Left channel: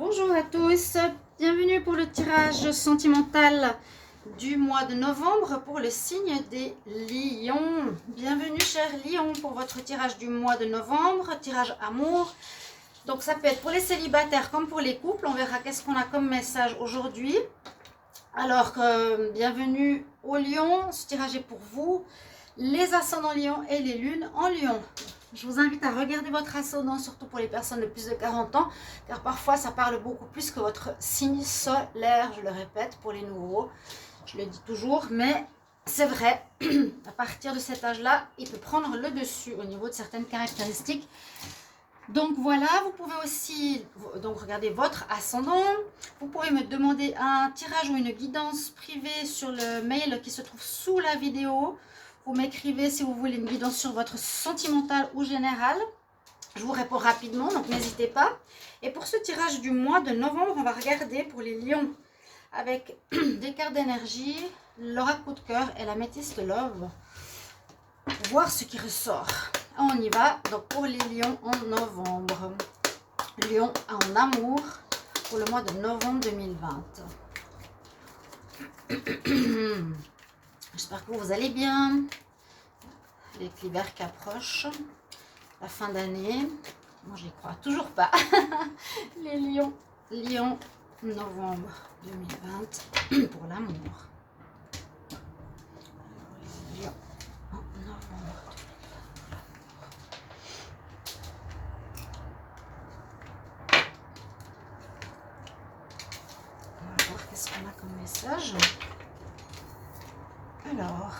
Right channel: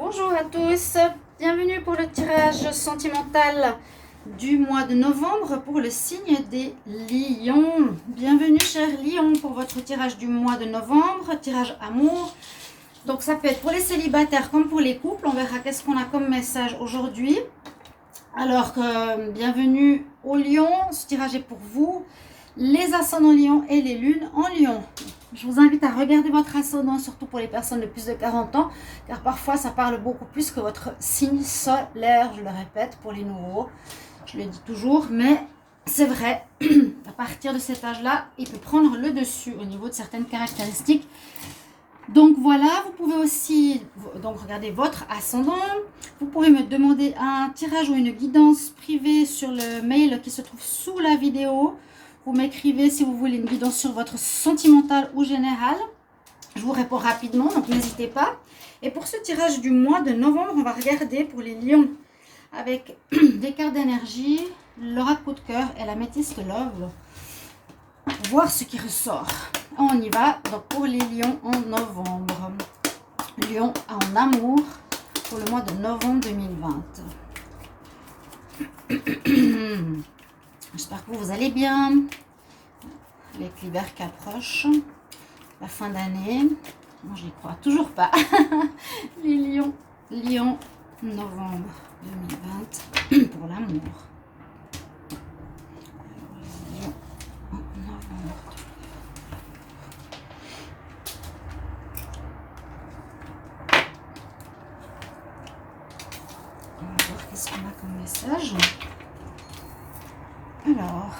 Bonjour à tous, bienvenue pour le tirage sentimental du mois de novembre pour le signe des lions. Bienvenue chers lions pour votre tirage du mois de novembre, tirage amour. Donc ça peut être pour les célibataires comme pour les couples, on verra qu'est-ce qu'on a comme message aujourd'hui. Alors bienvenue aux lions, ce tirage est pour vous, les ascendants lions et les lunes en lion. Je vous invite à regarder votre ascendant, surtout pour les personnes de plus de 40 ans, car parfois ça parle beaucoup plus que votre signe solaire, je le répète, pour les nouveaux. Je le dis toujours, mais c'est vrai, à partir de cet âge-là, il peut prendre le dessus au niveau de certaines caractéristiques. Donc voilà, vous pouvez aussi regarder votre ascendant. Vous pouvez me demander un tirage ou une guidance privée sur le mail qui se trouve sous la vidéo. Vous m'écrivez si vous voulez une guidance sur votre sentimental ou général. Je vous réponds rapidement, donc n'hésitez pas. Et pour ce tirage du mois de novembre, on va regarder pour les lions avec des cartes d'énergie, l'oracle coup de cœur et la métiste love. Voir ce qui ressort. On y va. Donc pour les lions en novembre. Lion en amour pour le mois de novembre 2020. J'espère que vous allez bien. Avec l'hiver qui approche. La fin d'année. Moi, je n'y crois toujours pas. Les lions. Lion, novembre 2020 pour l'amour. On va voir qu'est-ce qu'on a comme message. Alors,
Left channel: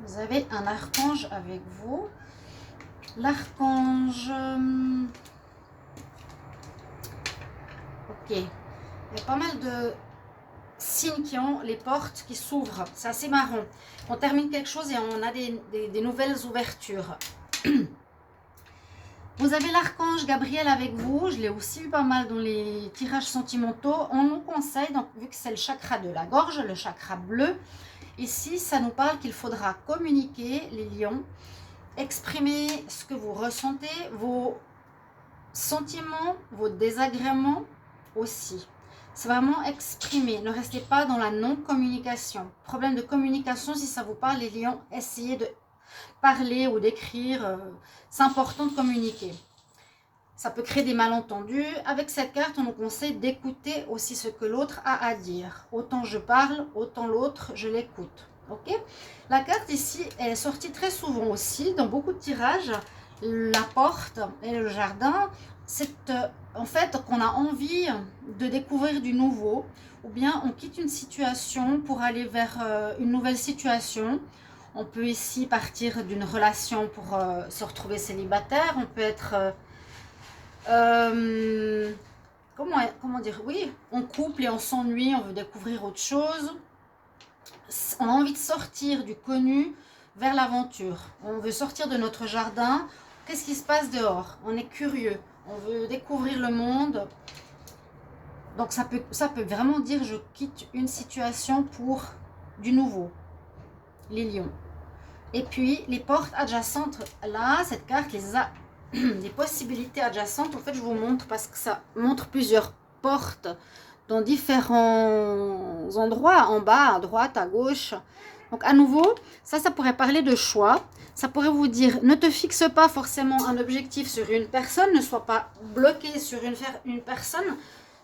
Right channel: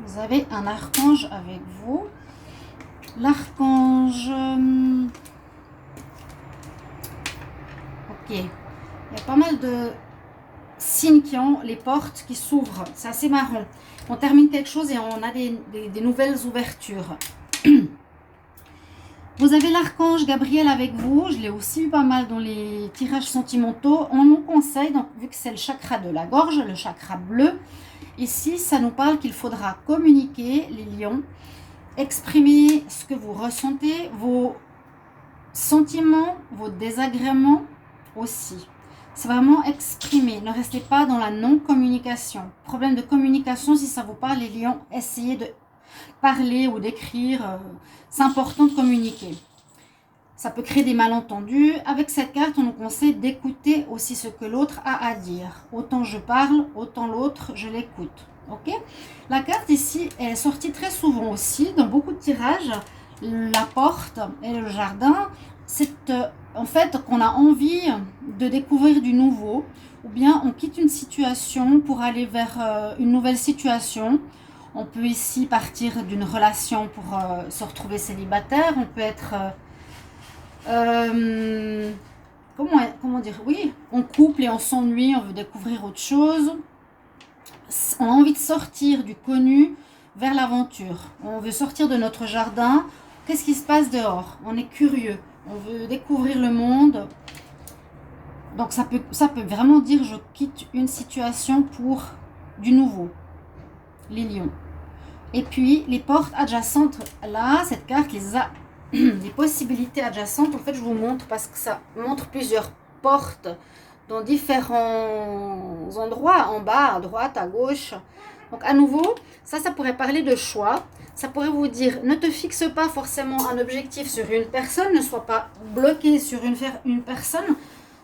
vous avez un archange avec vous. L'archange... Ok. Il y a pas mal de signes qui ont les portes qui s'ouvrent. C'est assez marrant. On termine quelque chose et on a des nouvelles ouvertures. Vous avez l'archange Gabriel avec vous. Je l'ai aussi eu pas mal dans les tirages sentimentaux. On nous conseille, donc, vu que c'est le chakra de la gorge, le chakra bleu, ici, ça nous parle qu'il faudra communiquer, les lions, exprimer ce que vous ressentez, vos sentiments, vos désagréments aussi. C'est vraiment exprimer. Ne restez pas dans la non-communication. Problème de communication, si ça vous parle, les lions, essayez de parler ou d'écrire. C'est important de communiquer. Ça peut créer des malentendus. Avec cette carte, on nous conseille d'écouter aussi ce que l'autre a à dire. Autant je parle, autant l'autre, je l'écoute. Ok? La carte ici, elle est sortie très souvent aussi dans beaucoup de tirages. La porte et le jardin, c'est en fait qu'on a envie de découvrir du nouveau. Ou bien on quitte une situation pour aller vers une nouvelle situation. On peut ici partir d'une relation pour se retrouver célibataire. On peut être... comment dire, oui, on couple et on s'ennuie, on veut découvrir autre chose. On a envie de sortir du connu vers l'aventure. On veut sortir de notre jardin. Qu'est-ce qui se passe dehors? On est curieux, on veut découvrir le monde. Donc ça peut vraiment dire je quitte une situation pour du nouveau. Les lions. Et puis les portes adjacentes, là, cette carte les a... des possibilités adjacentes, en fait je vous montre parce que ça montre plusieurs portes dans différents endroits, en bas, à droite, à gauche. Donc à nouveau, ça pourrait parler de choix. Ça pourrait vous dire, ne te fixe pas forcément un objectif sur une personne, ne sois pas bloqué sur une personne.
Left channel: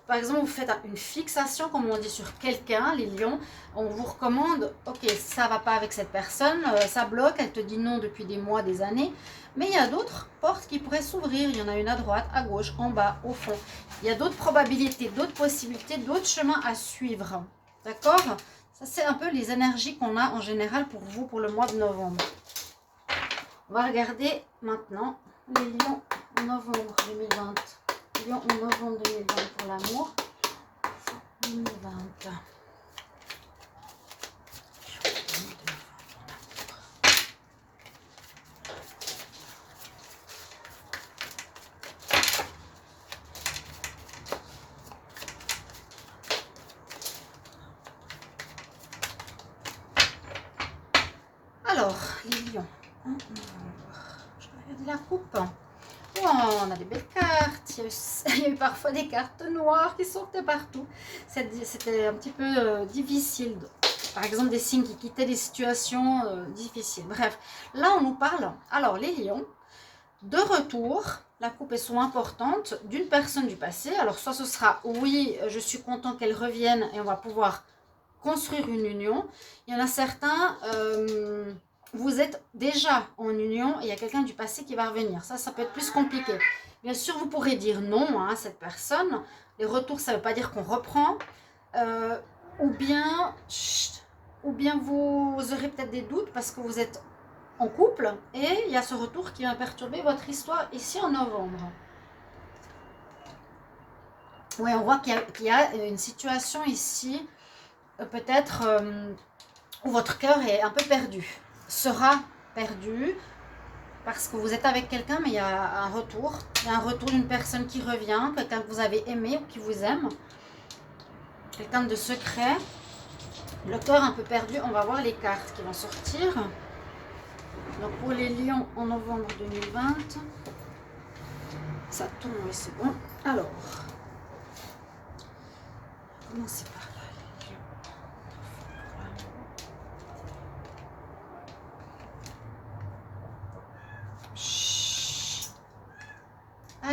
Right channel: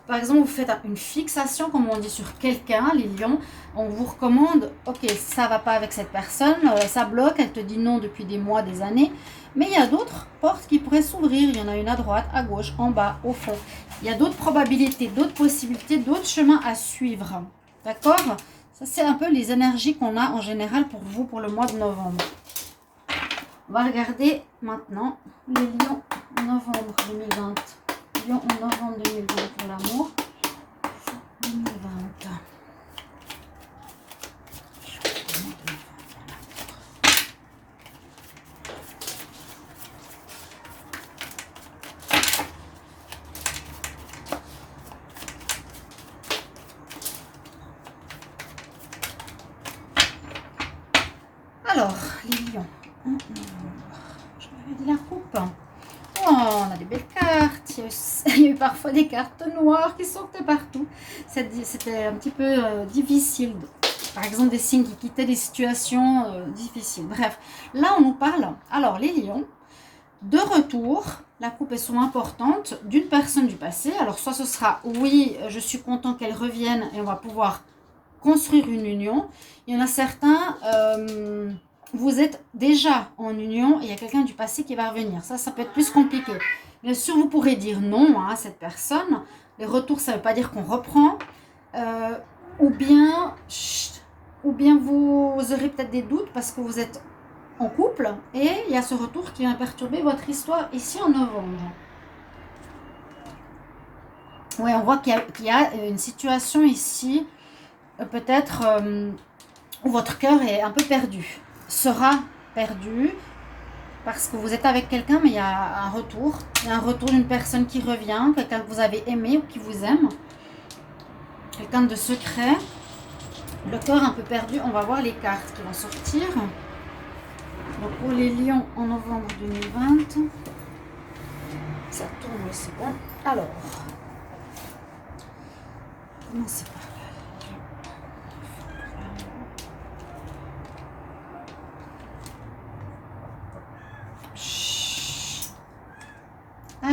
Par exemple, vous faites une fixation, comme on dit, sur quelqu'un, les lions. On vous recommande, ok, ça ne va pas avec cette personne, ça bloque, elle te dit non depuis des mois, des années. Mais il y a d'autres portes qui pourraient s'ouvrir. Il y en a une à droite, à gauche, en bas, au fond. Il y a d'autres probabilités, d'autres possibilités, d'autres chemins à suivre. D'accord? Ça, c'est un peu les énergies qu'on a en général pour vous pour le mois de novembre. On va regarder maintenant les lions en novembre 2020. Lions en novembre 2020 pour l'amour. 2020. Alors, les lions. Je vais regarder la coupe. Oh, on a des belles cartes. il y a eu parfois des cartes noires qui sortaient partout. C'était un petit peu difficile. Par exemple, des signes qui quittaient des situations difficiles. Bref, là, on nous parle, alors les lions, de retour, la coupe est souvent importante, d'une personne du passé. Alors, soit ce sera, oui, je suis content qu'elle revienne et on va pouvoir construire une union. Il y en a certains, vous êtes déjà en union et il y a quelqu'un du passé qui va revenir. Ça peut être plus compliqué. Bien sûr, vous pourrez dire non à cette personne. Les retours, ça ne veut pas dire qu'on reprend. Ou bien vous aurez peut-être des doutes parce que vous êtes en couple et il y a ce retour qui vient perturber votre histoire ici en novembre. Oui, on voit qu'il y a une situation ici, peut-être où votre cœur est un peu perdu, sera perdu parce que vous êtes avec quelqu'un, mais il y a un retour. Il y a un retour d'une personne qui revient, quelqu'un que vous avez aimé ou qui vous aime, quelqu'un de secret. Le cœur un peu perdu, on va voir les cartes qui vont sortir. Donc pour les lions en novembre 2020, ça tourne aussi bon. Alors, commencez par là.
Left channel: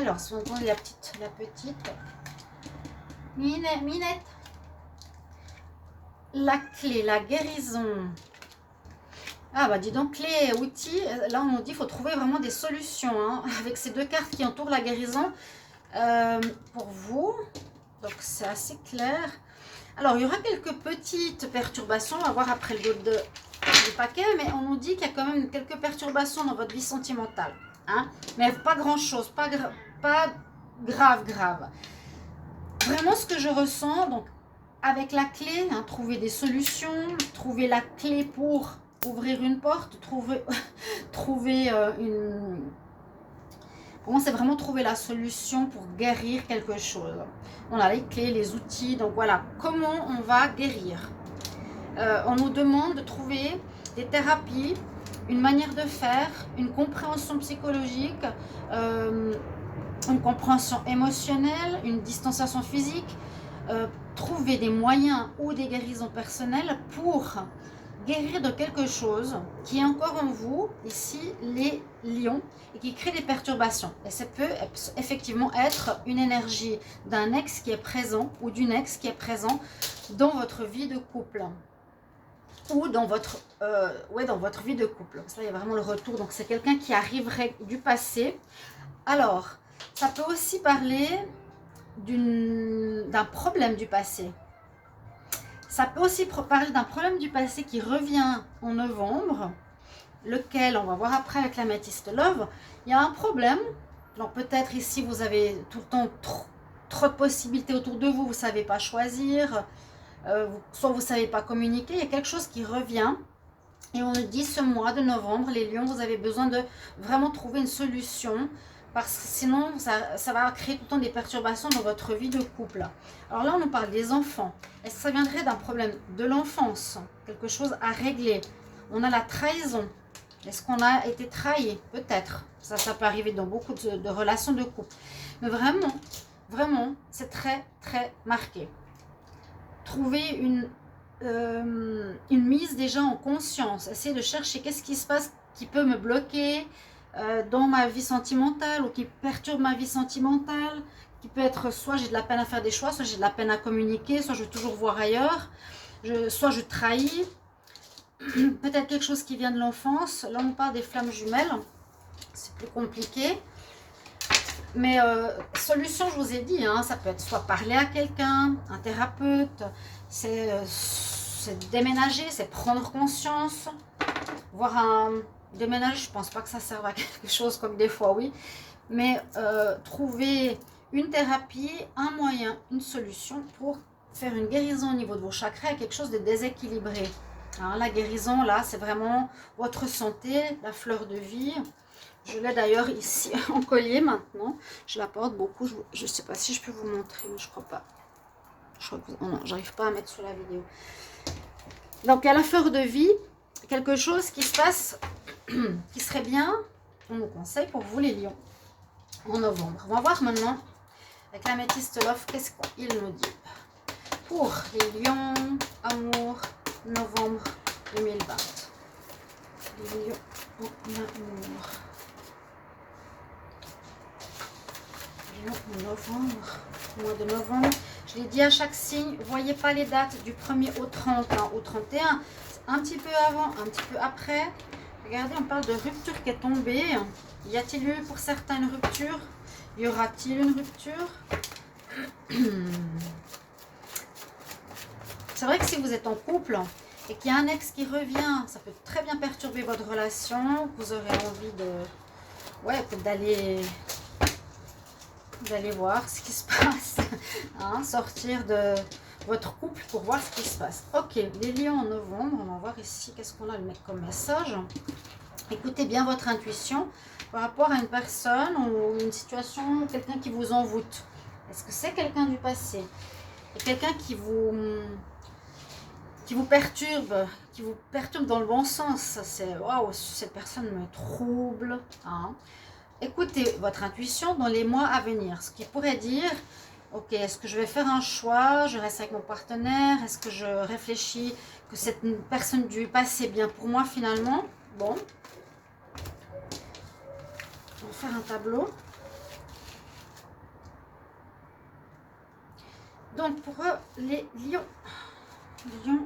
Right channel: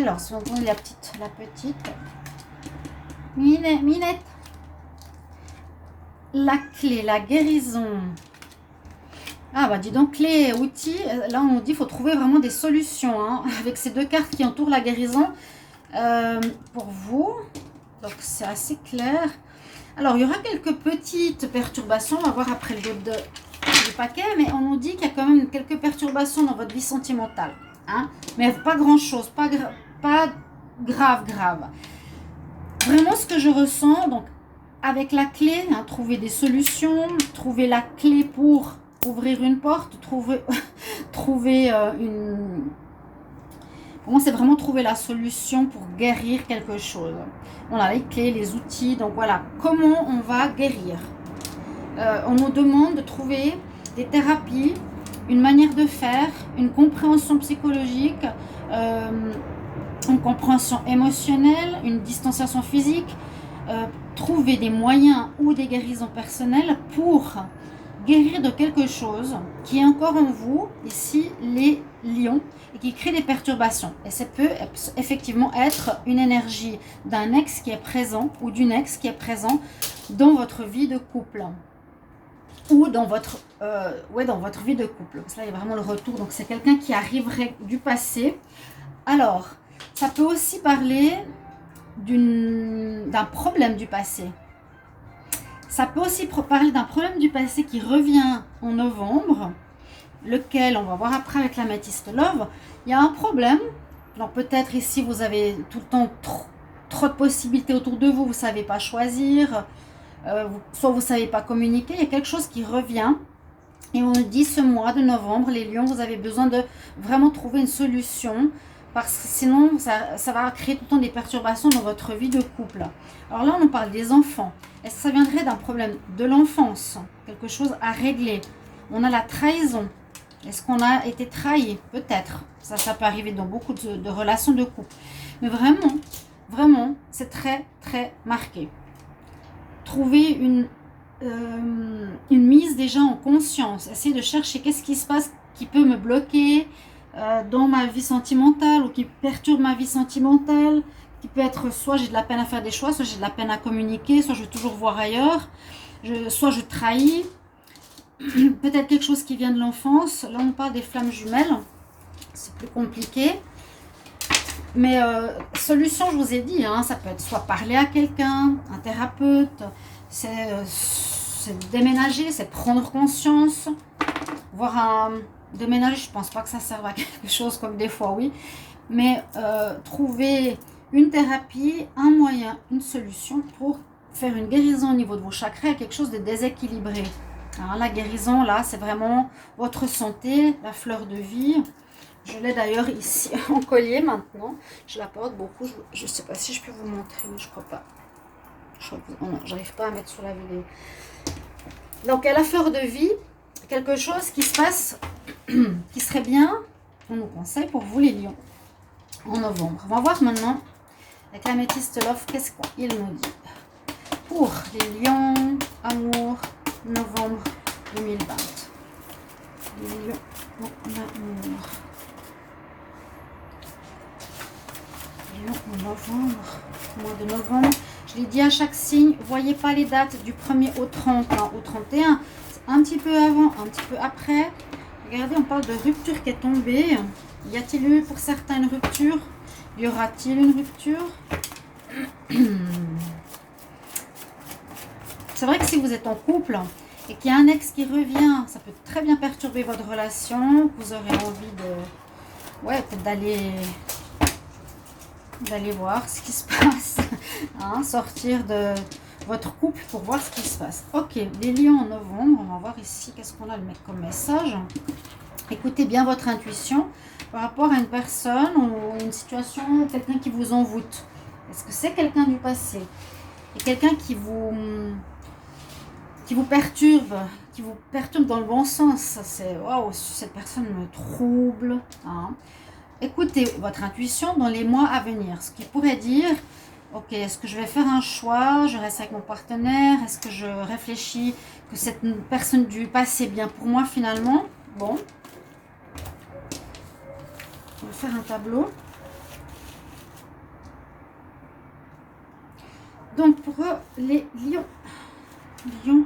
Alors, si on prend la petite. Minette. La clé, la guérison. Ah bah dis donc, clé, outils, là on dit qu'il faut trouver vraiment des solutions, hein, avec ces deux cartes qui entourent la guérison pour vous. Donc c'est assez clair. Alors il y aura quelques petites perturbations, on va voir après le dos du paquet, mais on nous dit qu'il y a quand même quelques perturbations dans votre vie sentimentale. Hein, mais pas grand chose, pas grave. Vraiment ce que je ressens, donc avec la clé, hein, trouver des solutions, trouver la clé pour ouvrir une porte, trouver une... Pour moi, c'est vraiment trouver la solution pour guérir quelque chose. On a les clés, les outils, donc voilà. Comment on va guérir? On nous demande de trouver des thérapies, une manière de faire, une compréhension psychologique, une compréhension émotionnelle, une distanciation physique, trouver des moyens ou des guérisons personnelles pour guérir de quelque chose qui est encore en vous, ici les lions, et qui crée des perturbations. Et ça peut effectivement être une énergie d'un ex qui est présent ou d'une ex qui est présent dans votre vie de couple ou dans votre, dans votre vie de couple. Donc là, il y a vraiment le retour. Donc c'est quelqu'un qui arriverait du passé. Alors, ça peut aussi parler d'un problème du passé. Ça peut aussi parler d'un problème du passé qui revient en novembre, lequel on va voir après avec l'améthyste love. Il y a un problème, donc peut-être ici vous avez tout le temps trop de possibilités autour de vous, vous ne savez pas choisir, soit vous ne savez pas communiquer, il y a quelque chose qui revient. Et on nous dit ce mois de novembre, les lions, vous avez besoin de vraiment trouver une solution, parce que sinon ça va créer tout le temps des perturbations dans votre vie de couple. Alors là, on nous parle des enfants. Est-ce que ça viendrait d'un problème de l'enfance? Quelque chose à régler? On a la trahison. Est-ce qu'on a été trahi? Peut-être. Ça peut arriver dans beaucoup de relations de couple. Mais vraiment, c'est très, très marqué. Trouver une mise déjà en conscience. Essayer de chercher qu'est-ce qui se passe qui peut me bloquer dans ma vie sentimentale ou qui perturbe ma vie sentimentale, qui peut être soit j'ai de la peine à faire des choix, soit j'ai de la peine à communiquer, soit je veux toujours voir ailleurs, soit je trahis, peut-être quelque chose qui vient de l'enfance. Là on parle des flammes jumelles, c'est plus compliqué, mais solution, je vous ai dit, hein, ça peut être soit parler à quelqu'un, un thérapeute, c'est déménager, c'est prendre conscience, voir déménager, je pense pas que ça serve à quelque chose, comme des fois oui, mais trouver une thérapie, un moyen, une solution pour faire une guérison au niveau de vos chakras, quelque chose de déséquilibré. Alors, la guérison là, c'est vraiment votre santé, la fleur de vie. Je l'ai d'ailleurs ici en collier maintenant, je la porte beaucoup, je ne sais pas si je peux vous montrer, mais je crois pas. Non, j'arrive pas à mettre sur la vidéo. Donc à la fleur de vie, quelque chose qui se passe, qui serait bien, on nous conseille pour vous les lions, en novembre. On va voir maintenant Avec l'améthyste love, qu'est-ce qu'il me dit pour les lions, amour, novembre 2020. Les lions, amour. Novembre, mois de novembre. Je l'ai dit à chaque signe, voyez pas les dates du 1er au 30, hein, au 31. Un petit peu avant, un petit peu après. Regardez, on parle de rupture qui est tombée. Y a-t-il eu pour certains une rupture? Y aura-t-il une rupture? C'est vrai que si vous êtes en couple et qu'il y a un ex qui revient, ça peut très bien perturber votre relation. Vous aurez envie de... Ouais, peut-être d'aller voir ce qui se passe. Hein, sortir de votre couple pour voir ce qui se passe. Ok, les lions en novembre. On va voir ici qu'est-ce qu'on a comme message. Écoutez bien votre intuition par rapport à une personne ou une situation, quelqu'un qui vous envoûte. Est-ce que c'est quelqu'un du passé? Et quelqu'un qui vous perturbe dans le bon sens. C'est waouh, cette personne me trouble. Hein. Écoutez votre intuition dans les mois à venir. Ce qui pourrait dire, ok, est-ce que je vais faire un choix? Je reste avec mon partenaire? Est-ce que je réfléchis que cette personne du passé est bien pour moi finalement? Bon. On va faire un tableau. Donc pour les lions. Lion.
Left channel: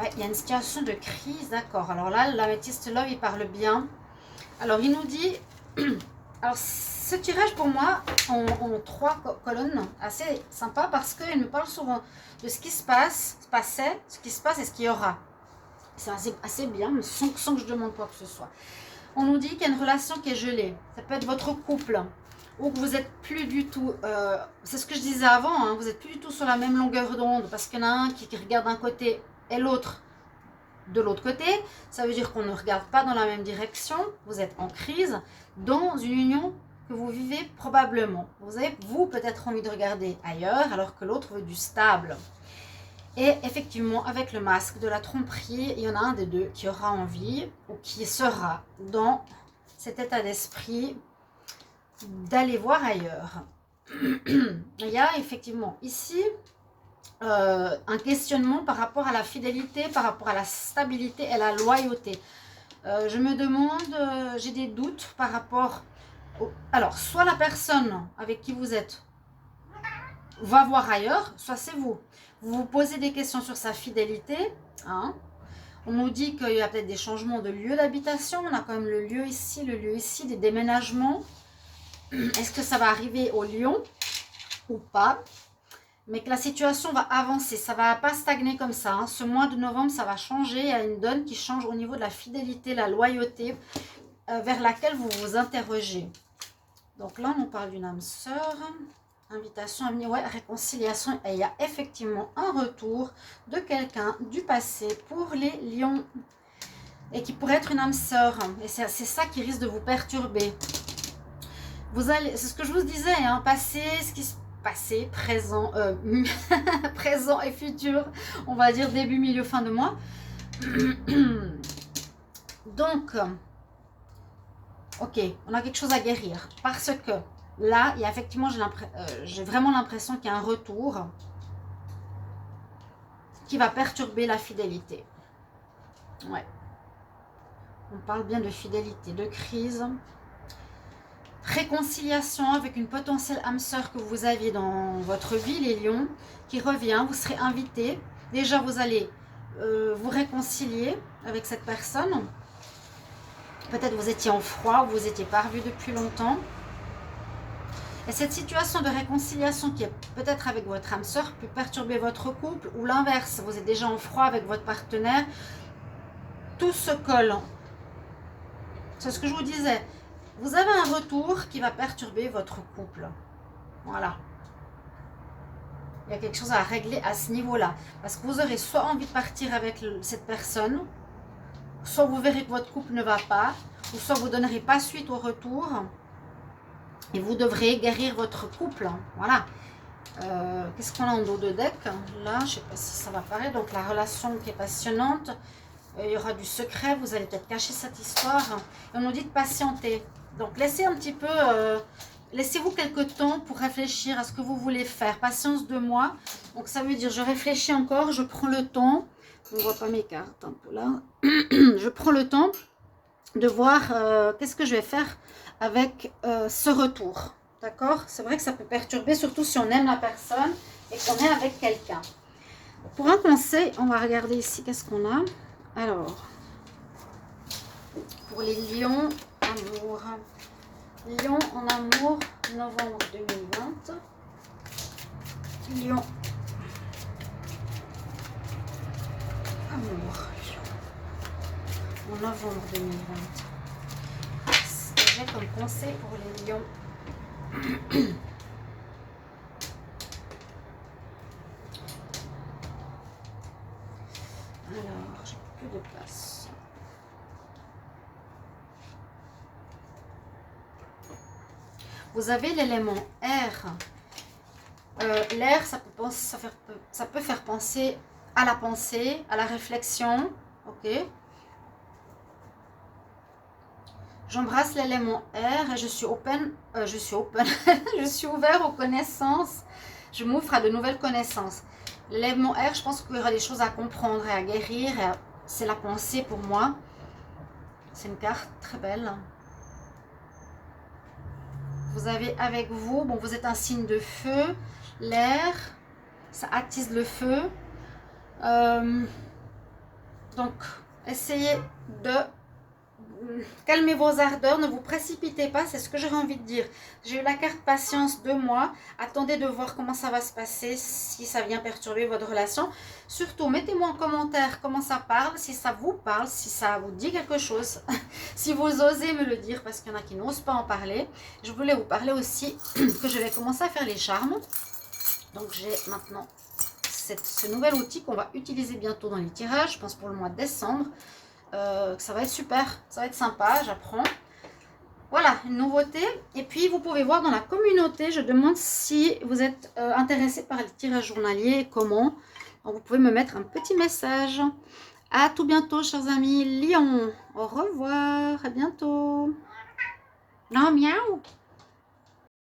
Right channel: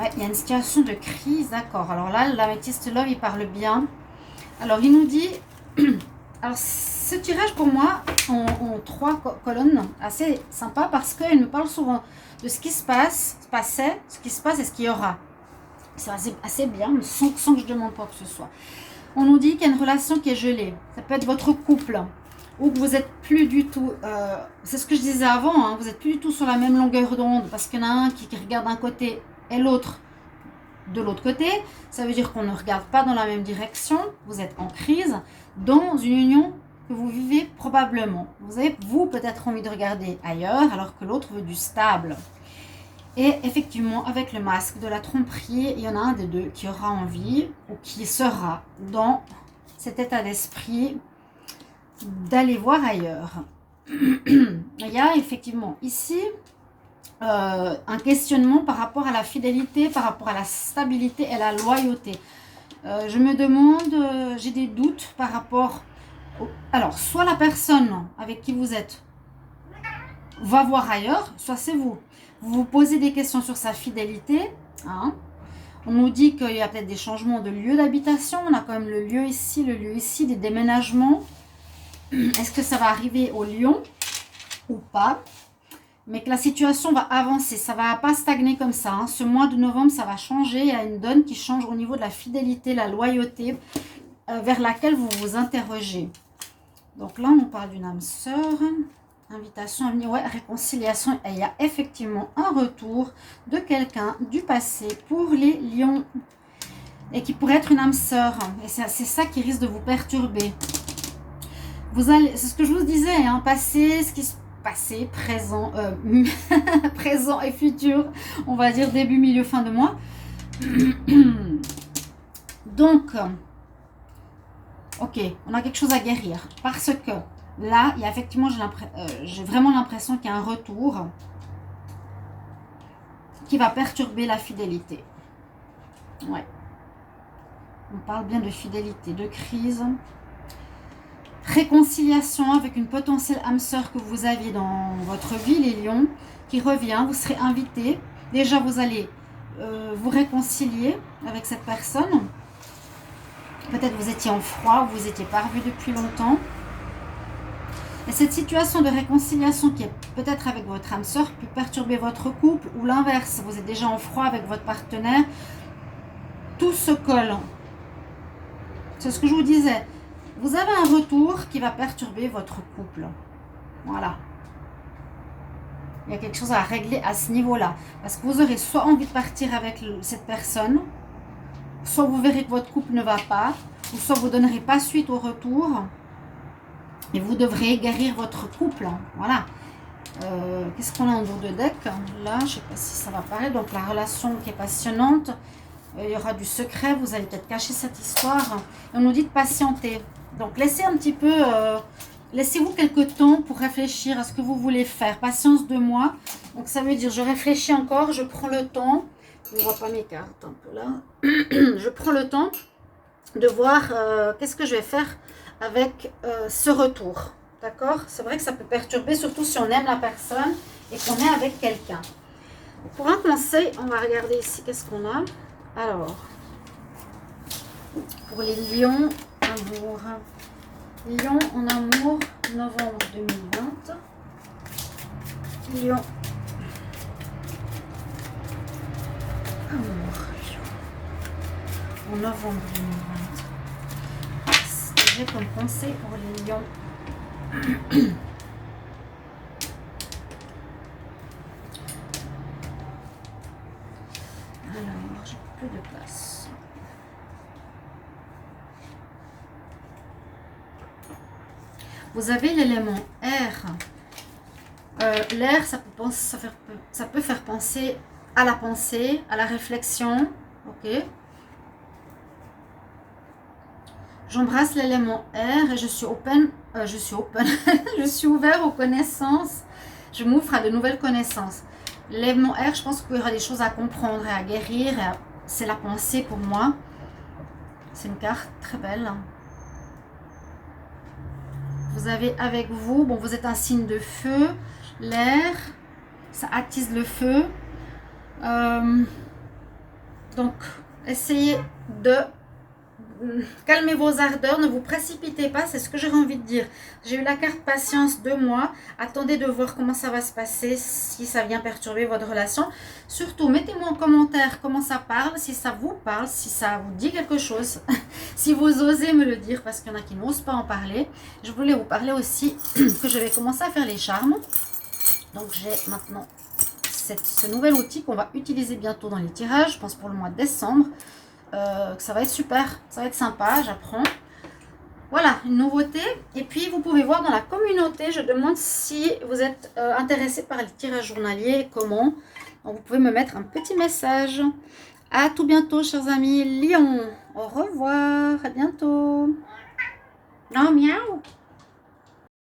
Ouais, il y a une situation de crise, d'accord. Alors là, l'améthyste love, il parle bien. Alors, il nous dit... Alors, ce tirage, pour moi, en 3 colonnes, assez sympa parce qu'il nous parle souvent de ce qui se passe, ce qui se passe et ce qu'il y aura. C'est assez bien, mais sans que je demande quoi que ce soit. On nous dit qu'il y a une relation qui est gelée. Ça peut être votre couple, ou que vous n'êtes plus du tout... c'est ce que je disais avant, hein, vous n'êtes plus du tout sur la même longueur d'onde parce qu'il y en a un qui regarde d'un côté et l'autre de l'autre côté. Ça veut dire qu'on ne regarde pas dans la même direction. Vous êtes en crise dans une union que vous vivez probablement. Vous avez, vous, peut-être envie de regarder ailleurs alors que l'autre veut du stable. Et effectivement, avec le masque de la tromperie, il y en a un des deux qui aura envie ou qui sera dans cet état d'esprit d'aller voir ailleurs. Il y a effectivement ici un questionnement par rapport à la fidélité, par rapport à la stabilité et la loyauté. Je me demande, j'ai des doutes par rapport alors, soit la personne avec qui vous êtes va voir ailleurs, soit c'est vous. Vous vous posez des questions sur sa fidélité. Hein. On nous dit qu'il y a peut-être des changements de lieu d'habitation. On a quand même le lieu ici, des déménagements. Est-ce que ça va arriver au lion ou pas? Mais que la situation va avancer, ça ne va pas stagner comme ça. Hein. Ce mois de novembre, ça va changer. Il y a une donne qui change au niveau de la fidélité, la loyauté, vers laquelle vous vous interrogez. Donc là, on parle d'une âme sœur. Invitation à venir, ouais, réconciliation. Et il y a effectivement un retour de quelqu'un du passé pour les lions. Et qui pourrait être une âme sœur. Et c'est ça qui risque de vous perturber. Vous allez, c'est ce que je vous disais, hein, passé, ce qui se passé, présent, présent et futur, on va dire début, milieu, fin de mois. Donc, ok, on a quelque chose à guérir parce que là, il y a effectivement, j'ai vraiment l'impression qu'il y a un retour qui va perturber la fidélité. Ouais. On parle bien de fidélité, de crise. Réconciliation avec une potentielle âme sœur que vous aviez dans votre vie, les lions, qui revient, vous serez invité. Déjà, vous allez vous réconcilier avec cette personne. Peut-être vous étiez en froid, ou vous étiez pas revus depuis longtemps. Et cette situation de réconciliation qui est peut-être avec votre âme sœur peut perturber votre couple ou l'inverse. Vous êtes déjà en froid avec votre partenaire. Tout se colle. C'est ce que je vous disais. Vous avez un retour qui va perturber votre couple. Voilà. Il y a quelque chose à régler à ce niveau-là. Parce que vous aurez soit envie de partir avec cette personne, soit vous verrez que votre couple ne va pas, ou soit vous ne donnerez pas suite au retour. Et vous devrez guérir votre couple. Voilà. Qu'est-ce qu'on a en dos de deck? Là, je ne sais pas si ça va apparaître. Donc, la relation qui est passionnante. Il y aura du secret. Vous allez peut-être cacher cette histoire. Et on nous dit de patienter. Donc, laissez un petit peu... laissez-vous quelques temps pour réfléchir à ce que vous voulez faire. Patience 2 mois. Donc, ça veut dire, je réfléchis encore. Je prends le temps. Je ne vois pas mes cartes un peu là. Je prends le temps de voir qu'est-ce que je vais faire avec ce retour. D'accord? C'est vrai que ça peut perturber, surtout si on aime la personne et qu'on est avec quelqu'un. Pour un conseil, on va regarder ici qu'est-ce qu'on a. Alors, pour les lions, amour. Lion en amour, novembre 2020. Lion. Amour. En novembre 2020. J'ai comme conseil pour les lions. Alors, j'ai peu de place. Vous avez l'élément air. L'air, ça peut faire penser à la pensée, à la réflexion. Ok. J'embrasse l'élément air et je suis open. Je suis ouvert aux connaissances. Je m'ouvre à de nouvelles connaissances. L'élément air, je pense qu'il y aura des choses à comprendre et à guérir. C'est la pensée pour moi. C'est une carte très belle. Vous avez avec vous, bon, vous êtes un signe de feu. L'air, ça attise le feu. Donc, essayez de calmer vos ardeurs, ne vous précipitez pas, c'est ce que j'aurais envie de dire. J'ai eu la carte patience 2 mois, attendez de voir comment ça va se passer, si ça vient perturber votre relation. Surtout, mettez-moi en commentaire comment ça parle, si ça vous parle, si ça vous dit quelque chose, si vous osez me le dire, parce qu'il y en a qui n'osent pas en parler. Je voulais vous parler aussi que je vais commencer à faire les charmes. Donc j'ai maintenant ce nouvel outil qu'on va utiliser bientôt dans les tirages, je pense pour le mois de décembre. Ça va être super, ça va être sympa, j'apprends. Voilà, une nouveauté. Et puis, vous pouvez voir dans la communauté, je demande si vous êtes intéressé par les tirages journaliers et comment. Donc, vous pouvez me mettre un petit message. À tout bientôt, chers amis Lion. Au revoir, à bientôt. Non, miaou.